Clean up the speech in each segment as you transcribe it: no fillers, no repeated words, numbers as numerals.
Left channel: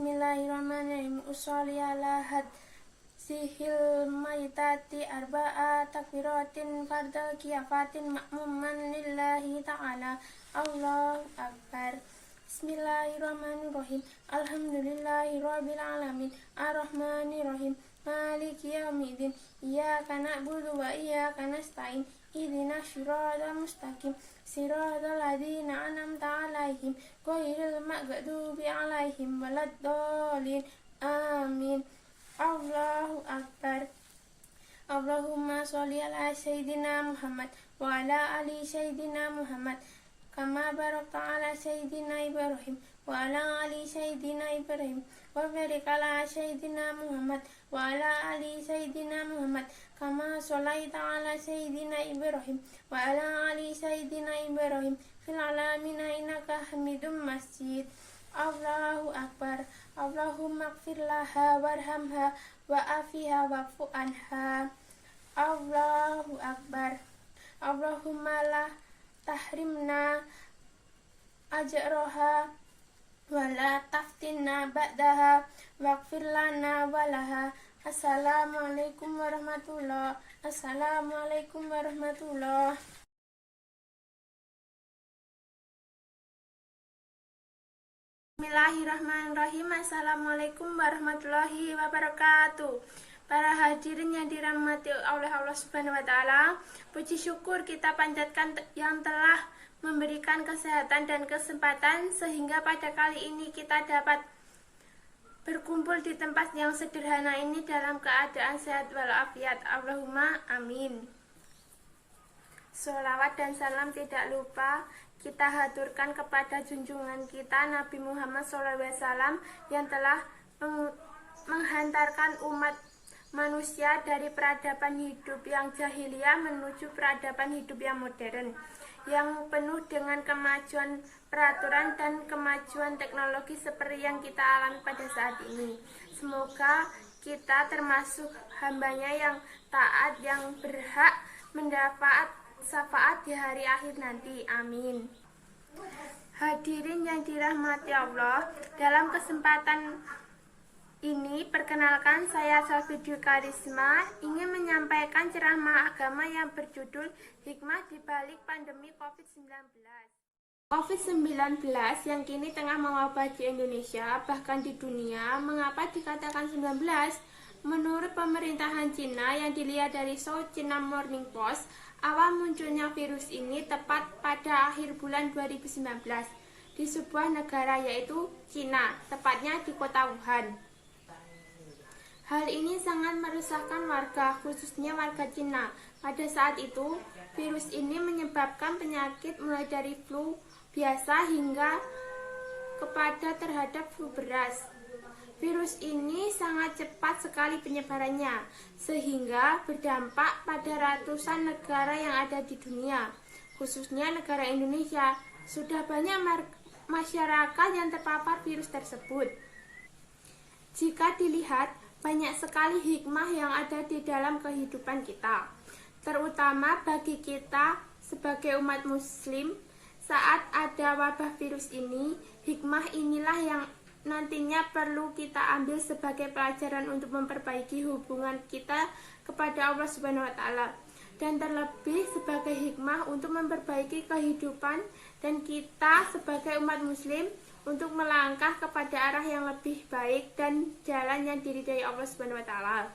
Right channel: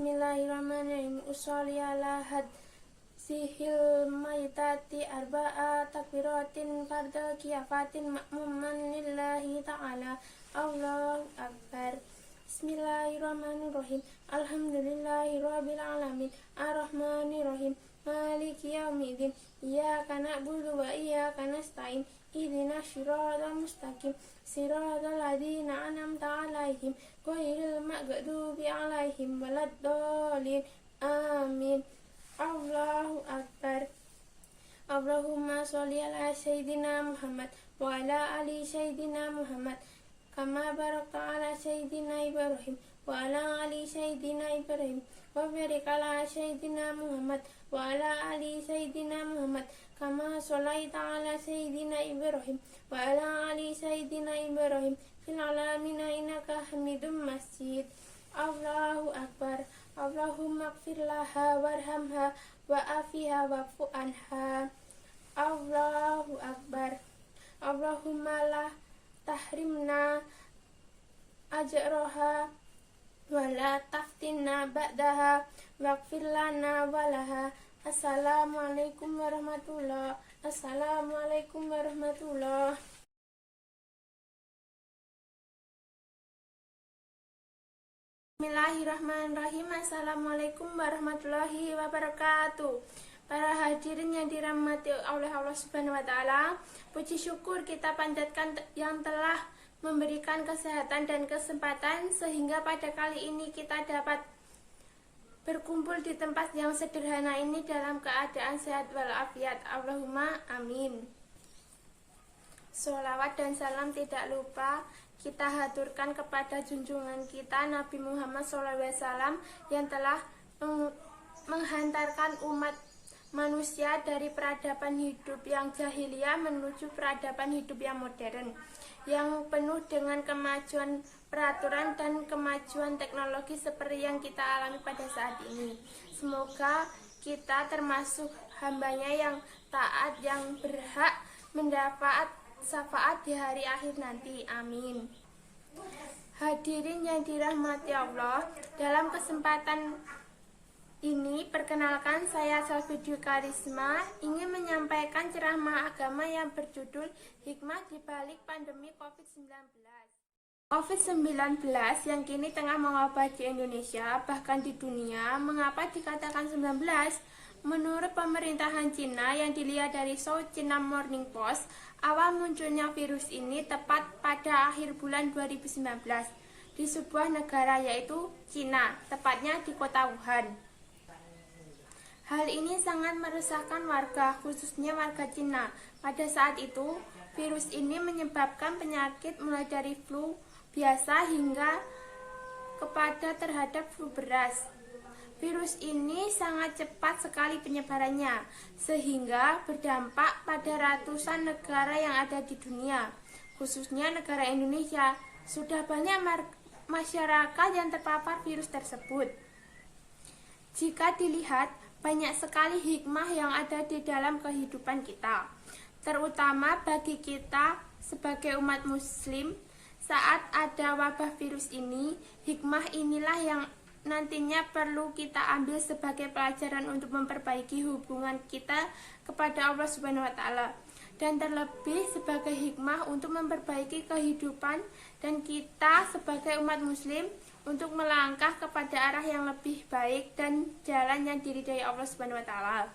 Bismillahirrahmanirrahim. Usolli ala hadzihil maitati arba'a takbiratin fardal kiafatin ma'muman lillahi ta'ala. Allahu akbar. Bismillahirrahmanirrahim. Alhamdulillahi rabbil alamin. Ar-rahmanirrahim. Maliki yaumiddin. Iyyaka na'budu wa iyyaka nasta'in. Ihdinas siratal mustaqim. Siratal ladzina an'amta 'alaihim ghairil maghdubi 'alaihim waladdallin. Amin. Allahu akbar. Allahumma sholli ala sayyidina Muhammad wa ala ali sayyidina Muhammad kama barakta ala sayyidina Ibrahim wa ala ali sayyidina Ibrahim wa barik ala sayyidina Muhammad wa ala ali sayyidina Muhammad kama sholaita ala sayyidina Ibrahim wa ala ali sayyidina Ibrahim fil alamin innaka Hamidum Majid. Allahu akbar. Allahumma ighfir laha warhamha wa afiha wa'fu anha. Allahu akbar. Allahumma la tahrimna ajraha wa la taftinna ba'daha waghfir lana wa laha. Assalamualaikum warahmatullahi. Assalamualaikum warahmatullahi. Bismillahirrahmanirrahim. Assalamualaikum warahmatullahi wabarakatuh. Para hadirin yang dirahmati oleh Allah Subhanahu wa taala, puji syukur kita panjatkan yang telah memberikan kesehatan dan kesempatan sehingga pada kali ini kita dapat berkumpul di tempat yang sederhana ini dalam keadaan sehat walafiat. Allahumma amin. Sholawat dan salam tidak lupa kita haturkan kepada junjungan kita Nabi Muhammad SAW yang telah menghantarkan umat manusia dari peradaban hidup yang jahiliyah menuju peradaban hidup yang modern, yang penuh dengan kemajuan peraturan dan kemajuan teknologi seperti yang kita alami pada saat ini. Semoga kita termasuk hambanya yang taat, yang berhak mendapat syafaat di hari akhir nanti. Amin. Hadirin yang dirahmati Allah, dalam kesempatan ini perkenalkan saya Salvidyu Karisma ingin menyampaikan ceramah agama yang berjudul Hikmah di Balik Pandemi COVID-19. COVID-19 yang kini tengah mewabah di Indonesia, bahkan di dunia. Mengapa dikatakan 19? Menurut pemerintahan Cina yang dilihat dari South China Morning Post, awal munculnya virus ini tepat pada akhir bulan 2019 di sebuah negara yaitu Cina, tepatnya di kota Wuhan. Hal ini sangat meresahkan warga, khususnya warga Cina. Pada saat itu, virus ini menyebabkan penyakit mulai dari flu biasa hingga kepada terhadap flu beras. Virus ini sangat cepat sekali penyebarannya, sehingga berdampak pada ratusan negara yang ada di dunia, khususnya negara Indonesia. Sudah banyak masyarakat yang terpapar virus tersebut. Jika dilihat, banyak sekali hikmah yang ada di dalam kehidupan kita, terutama bagi kita sebagai umat muslim. Saat ada wabah virus ini, hikmah inilah yang nantinya perlu kita ambil sebagai pelajaran untuk memperbaiki hubungan kita kepada Allah Subhanahu wa taala, dan terlebih sebagai hikmah untuk memperbaiki kehidupan dan kita sebagai umat muslim untuk melangkah kepada arah yang lebih baik dan jalan yang diridhai Allah Subhanahu wa taala.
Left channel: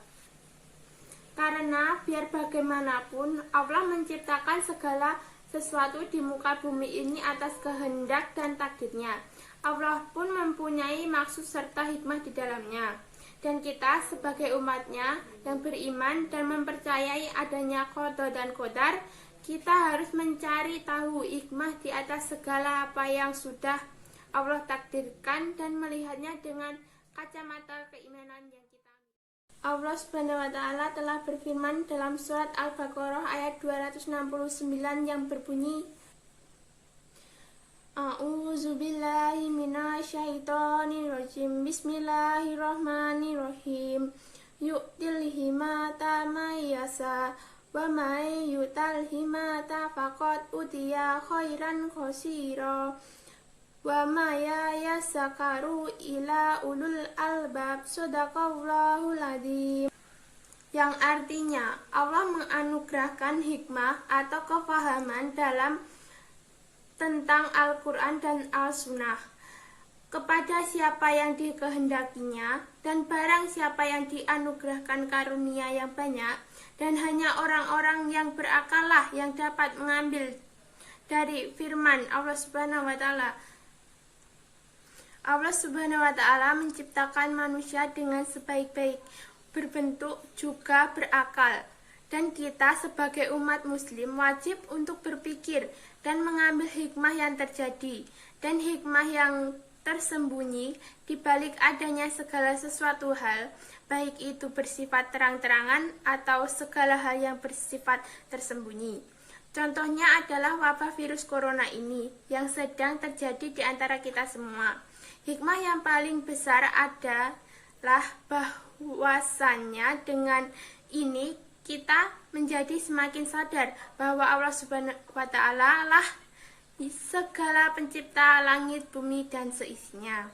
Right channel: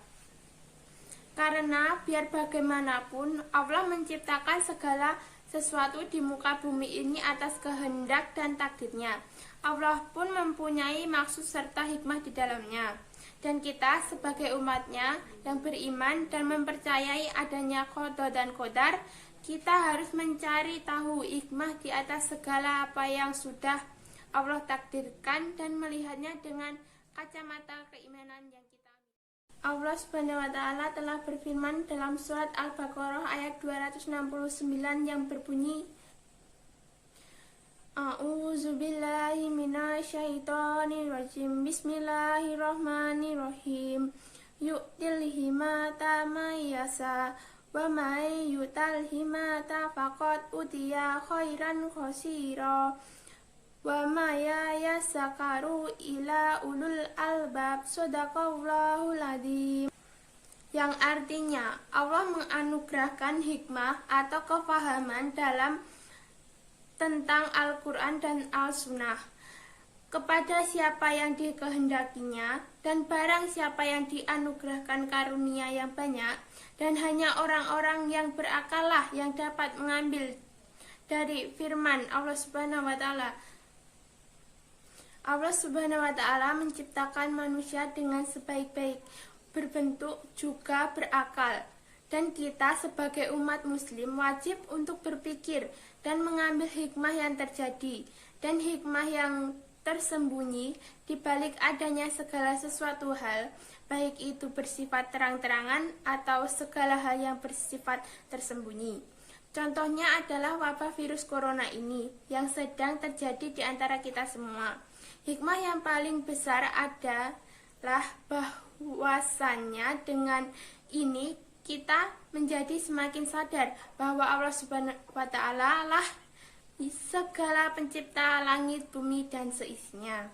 Karena biar bagaimanapun Allah menciptakan segala sesuatu di muka bumi ini atas kehendak dan takdirnya. Allah pun mempunyai maksud serta hikmah di dalamnya. Dan kita sebagai umatnya yang beriman dan mempercayai adanya qada dan qadar, kita harus mencari tahu hikmah di atas segala apa yang sudah Allah takdirkan dan melihatnya dengan kacamata keimanan yang kita ambil. Allah Subhanahu wa taala telah berfirman dalam surat Al-Baqarah ayat 269 yang berbunyi, A'udzubillahi minasyaitonirrajim. Bismillahirrahmanirrahim. Yu'til himata may yasha wa may yutal himata faqad utiya khairan katsira wa ma yazakkaru illa ulul albab. Shadaqallahul adzim. Yang artinya Allah menganugerahkan hikmah atau kefahaman dalam tentang Al-Quran dan Al-Sunnah kepada siapa yang dikehendakinya, dan barang siapa yang dianugerahkan karunia yang banyak, dan hanya orang-orang yang berakal lah yang dapat mengambil dari firman Allah Subhanahu wa Ta'ala. Allah Subhanahu wa Ta'ala menciptakan manusia dengan sebaik-baik berbentuk juga berakal, dan kita sebagai umat muslim wajib untuk berpikir dan mengambil hikmah yang terjadi dan hikmah yang tersembunyi di balik adanya segala sesuatu hal, baik itu bersifat terang-terangan atau segala hal yang bersifat tersembunyi. Contohnya adalah wabah virus corona ini yang sedang terjadi di antara kita semua. Hikmah yang paling besar adalah bahwasannya dengan ini kita menjadi semakin sadar bahwa Allah Subhanahu wa Ta'ala lah segala pencipta langit, bumi, dan seisinya.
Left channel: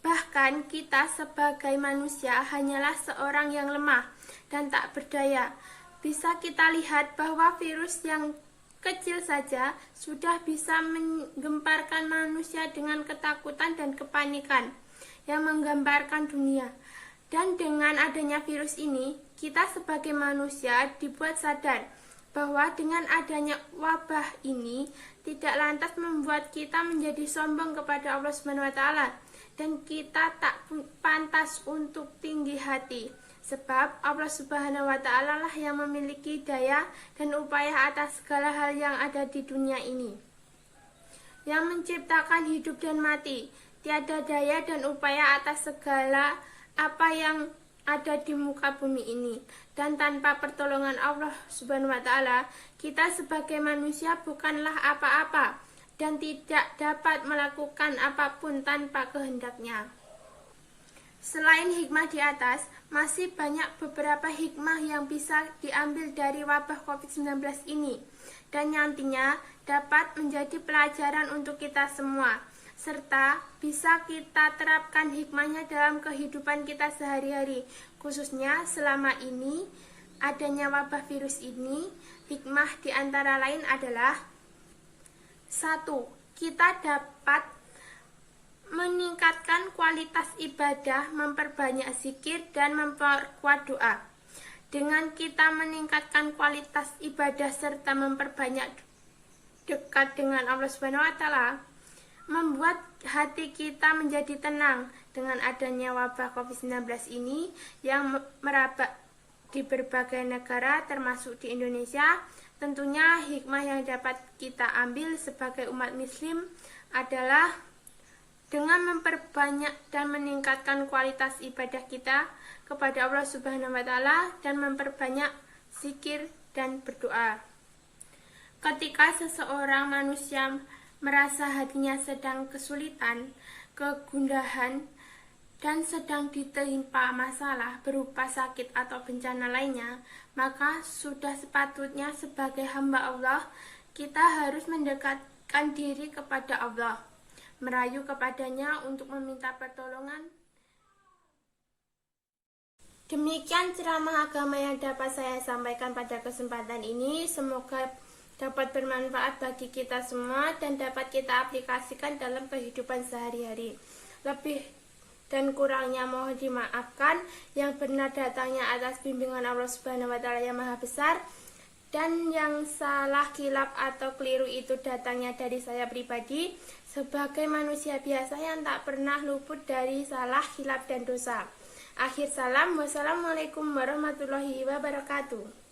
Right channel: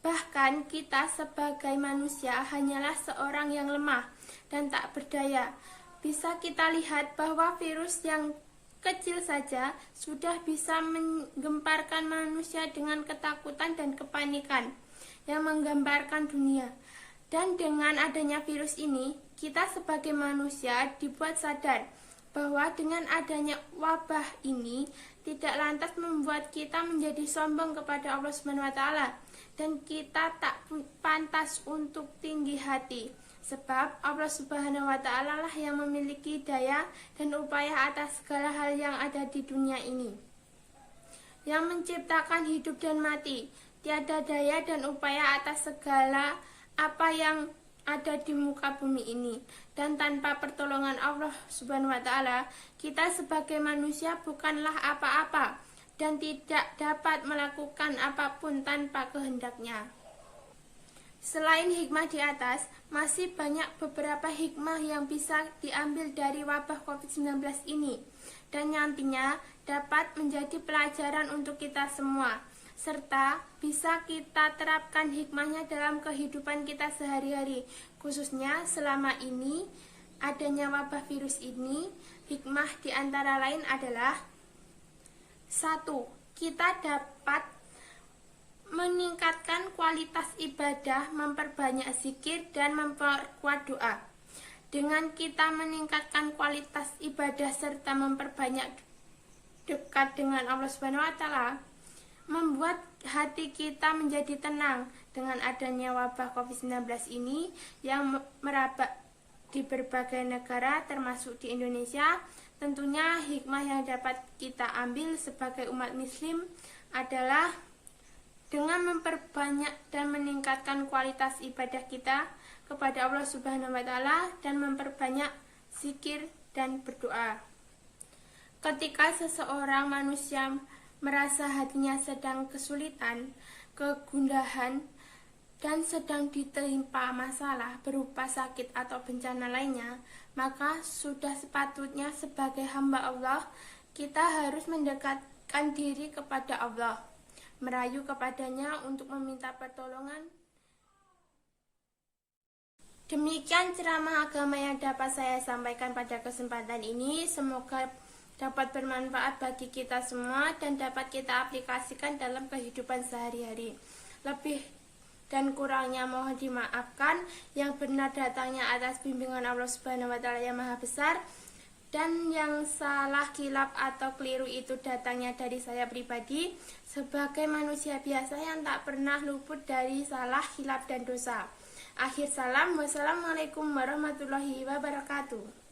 Bahkan kita sebagai manusia hanyalah seorang yang lemah dan tak berdaya. Bisa kita lihat bahwa virus yang kecil saja sudah bisa menggemparkan manusia dengan ketakutan dan kepanikan yang menggambarkan dunia. Dan dengan adanya virus ini, kita sebagai manusia dibuat sadar bahwa dengan adanya wabah ini tidak lantas membuat kita menjadi sombong kepada Allah Subhanahu wa Ta'ala, dan kita tak pantas untuk tinggi hati, sebab Allah Subhanahu wa Ta'ala lah yang memiliki daya dan upaya atas segala hal yang ada di dunia ini, yang menciptakan hidup dan mati. Tiada daya dan upaya atas segala apa yang ada di muka bumi ini, dan tanpa pertolongan Allah Subhanahu wa Ta'ala, kita sebagai manusia bukanlah apa-apa dan tidak dapat melakukan apapun tanpa kehendaknya. Selain hikmah di atas, masih banyak beberapa hikmah yang bisa diambil dari wabah COVID-19 ini, dan nantinya dapat menjadi pelajaran untuk kita semua, serta bisa kita terapkan hikmahnya dalam kehidupan kita sehari-hari, khususnya selama ini adanya wabah virus ini. Hikmah di antara lain adalah: 1. Kita dapat meningkatkan kualitas ibadah, memperbanyak zikir, dan memperkuat doa. Dengan kita meningkatkan kualitas ibadah serta memperbanyak dekat dengan Allah Subhanahu wa Ta'ala, membuat hati kita menjadi tenang dengan adanya wabah COVID-19 ini yang merabak di berbagai negara termasuk di Indonesia. Tentunya hikmah yang dapat kita ambil sebagai umat muslim adalah dengan memperbanyak dan meningkatkan kualitas ibadah kita kepada Allah Subhanahu wa Ta'ala dan memperbanyak zikir dan berdoa. Ketika seseorang manusia merasa hatinya sedang kesulitan, kegundahan, dan sedang ditimpa masalah berupa sakit atau bencana lainnya, maka sudah sepatutnya sebagai hamba Allah, kita harus mendekatkan diri kepada Allah, merayu kepadanya untuk meminta pertolongan. Demikian ceramah agama yang dapat saya sampaikan pada kesempatan ini. Semoga dapat bermanfaat bagi kita semua dan dapat kita aplikasikan dalam kehidupan sehari-hari. Lebih dan kurangnya mohon dimaafkan. Yang benar datangnya atas bimbingan Allah Subhanahu wa Ta'ala yang Maha Besar, dan yang salah, khilaf atau keliru itu datangnya dari saya pribadi sebagai manusia biasa yang tak pernah luput dari salah, khilaf, dan dosa. Akhir salam, wassalamualaikum warahmatullahi wabarakatuh.